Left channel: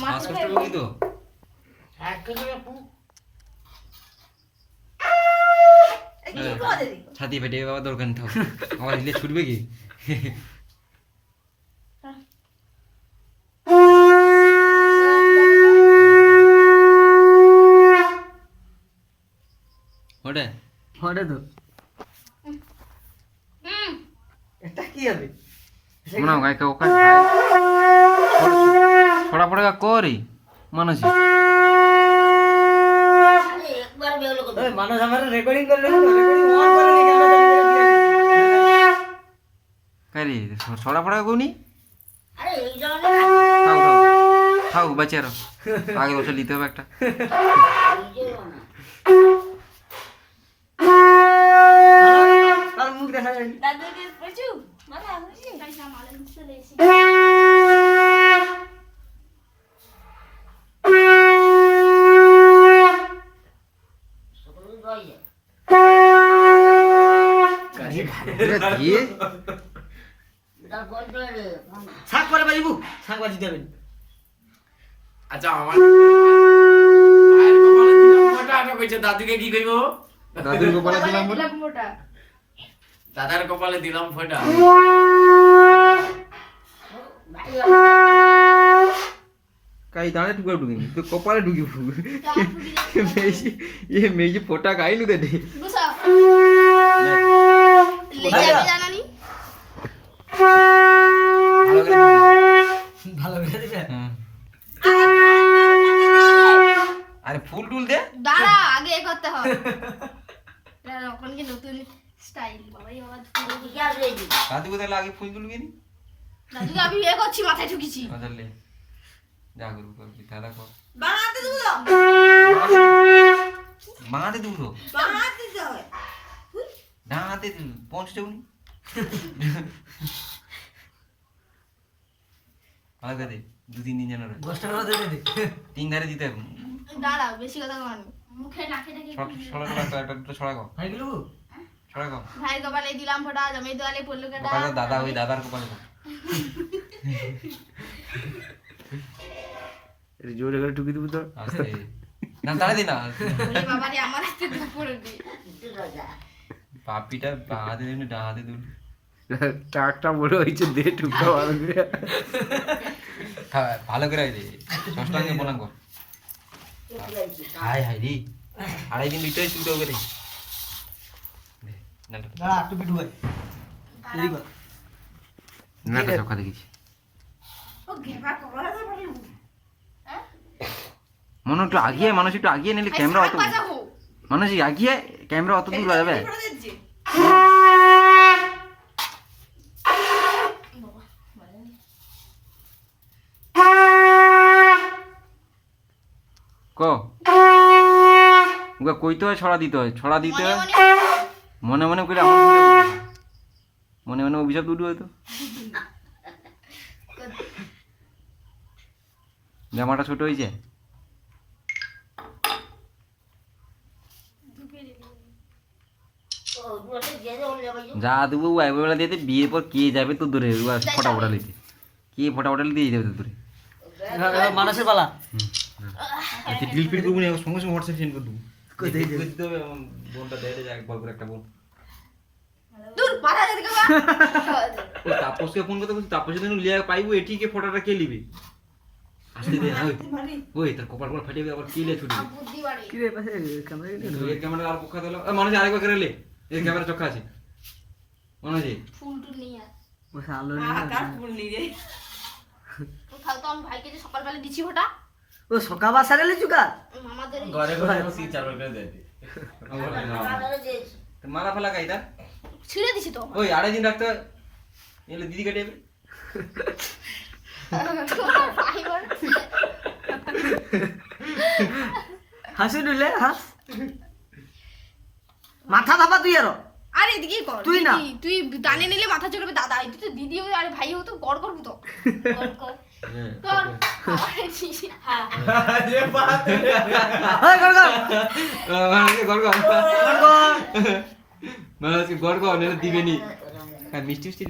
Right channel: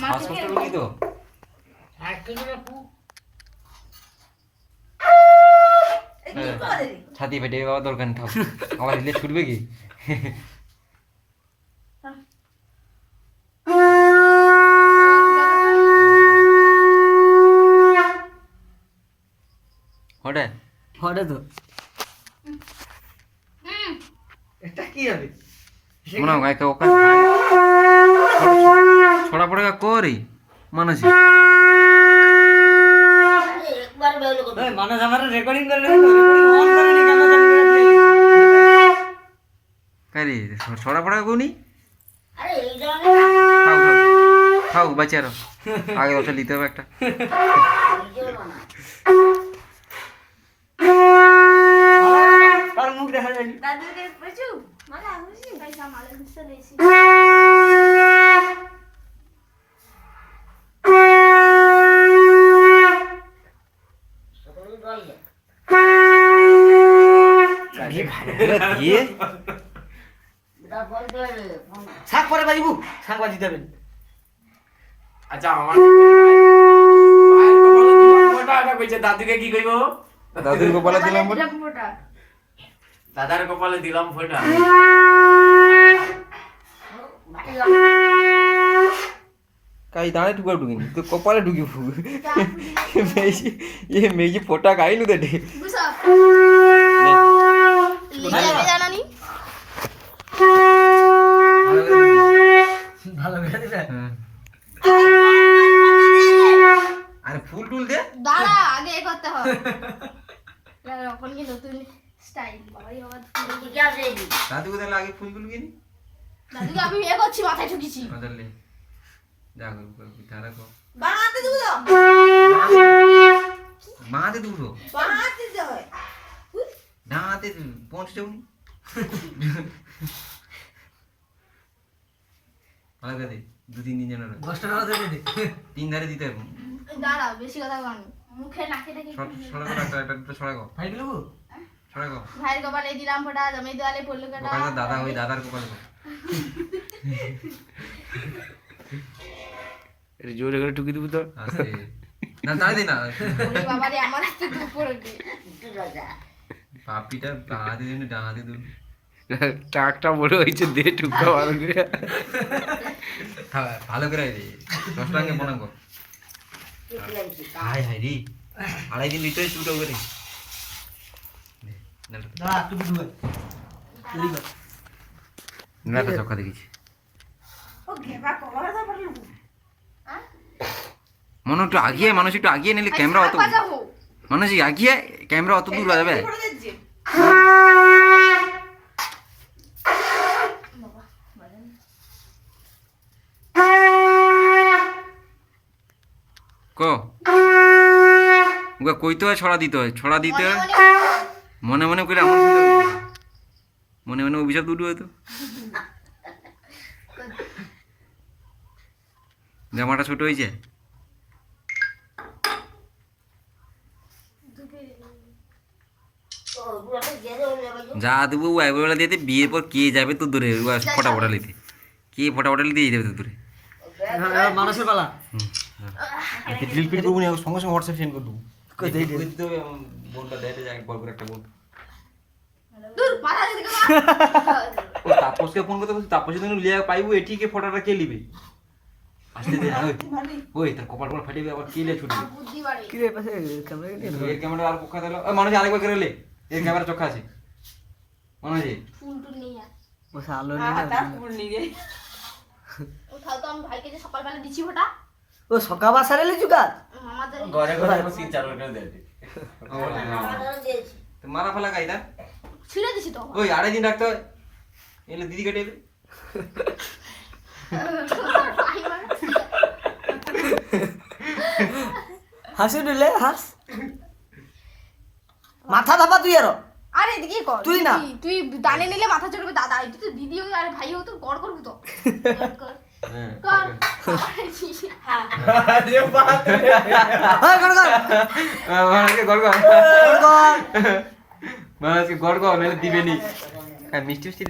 শ্বাসকষ্ট রোগী তো ছাতি ফেটে বাবা দরকার থাক আমার দিলে ছুটবে কি হটে হটে তো এটা কি হবে মনে হয় গায়কে ওকা ছড়া পড়ে করি মানুষ মানুষ আমার রেকর্ডিং করে রেকর্ডিং অন করে নি ক্যামেরা কারি ছড়া পড়া কোনি আরে এই জন্য থাক থাক থাক বাচ্চার আগে বছর নিতে হবে একটা তার মুখ দেখা যায় দাদুকে বুঝু মানে আমি গাইস আমালে চলে এসেছি দিয়ে শাক পরে বাজিবু শাক বাজি দেবেন আচ্ছা আমার মায়ের কপালে দিলাম ফোঁটা এটা কইছে দাদুকে কি কইব দাদুর কপালে দিলাম বলে দাদার কপালে দিলাম ফোঁটা কাই দাঁড়ে ঢুকে ঢুকিনি তো কপালে ঢুকি ফুক মেজি এ মেজি ফোটা খাইনু দে দে ভালো করে দিবে আরে ফুল টুল দে দাঁড়া আগে এ করতে হবে এখন কি নতুন স্টাইল বাবাই বাবা কি আছে এই দাদুকে তাহলে আগে ফুল টুল কিনি দাদুকে আমি এ করছি মাথায় ঠুকিছি বদললে যা করু করবি তারা কর বানাতে দেবো তো বাঁধে দুটো বানাতে দিতে হয় দাঁড়াতে পৌঁছে যাবি আগে দে 2-3 দিন যেন রয়। 10 টাকা দিয়ে দে তিন ধারে দিতে হবে দাঁড়াও বেশি কথা বলনি মুখে নাকে টাকে ছড়া একটা দুটো ছড়া গো ভাই গেলু ছড়া গো ভাই কপালে দিলাম ফোটা জমি দেওয়ালে পড়লো কেটা কপালে দাদা ওই দাদার কপালে এটা জোরে করে ঠুকি দিব তো আছে না তাই দে না বাবা রে আমার হাতে দুপুর দি একটু রাজা পাপিটা বাঁধে দিন ডাঁধে দিন টাকটা বড় হইছে দে ঠুকা ভালো করে ভালো করে দে ষষ্ঠাঙ্গে প্রণাম কর হাই হাই রে আড়াই দিন লিটার ছুটে ওকে দে দাঁড়া তুই দুবে এই কর নাটা চক্কা দেখিছি ও ঘেবা কভার দা পারলু মনে একটু আগিয়ে মানুষ একটু আগিয়ে নিলে ক্যামেরা অত মানুষ আগিয়ে ক্যামেরা অত দূর যাবে ক ওকে কইতে হয় ছড়া দিতে হয় ছড়া দিতে হয় মনে মনে করে আমার মনে মনে অভিশাপ দুটো হয়তো জামাটা ছোট হয়েছে যা দেবো একবেলা দিতে বিয়ের পর কে যাবে তো দূরে ফটা ফটা নিতে কে ফটা ফটা নিতে যাবে তো দূরে মানুষের পালা রিলপিট করবো না সঙ্গে সঙ্গে হোয়াটসঅ্যাপ সেন্ড করে দেবো কোথায় দে দিতে হবে বোনটা দেয় যায় একবার করে একটা বোন দূর পাড়া যদি ও তাপসকে ফোন করতে বলছি তাপসে তুমি লিয়া পাইবো এটিকে ফটোটা কে নিবে আসতে দে ওই তার কপাল কপাল ফাটিয়ে আবার কে লিয়ে ছুটবে বুদ্ধি বাড়ে কি রে পাশে ক্যামেরা নিয়ে এই ক্যামেরা আর পোকা দিলো মানুষ আরেকবার করে লে এই ক্যামেরা চোখা আছে মানুষ ফুল টুল নিয়ে আস বসে আলো নিয়ে উঠাও তো আমি ভাইকে যে সকালবেলা দিছি ফোটা ও সকা বাসারে লিচুকা আমাদের ঘরে ঘরে বসে চার করে দে মারা ফেলা গাইদা ছিঁড়ে দিছি তো ওই আড়াই দিন রাখতে হয় এলে দিদি কেটে হাসি দিলে হাস মাথা ধাপা তুই আর আরে এদিকে কর তুই না। তুই দানে নিলে মাথা চড়বে দাদা তুই তো দিদি হই আর ভাই হও তো গড় করবি তো কর কর হ্যাঁ ওই কর কর মানুষকে গড় কর কর মানুষকে গড় কর দিবেনি মিষ্টি মিষ্টি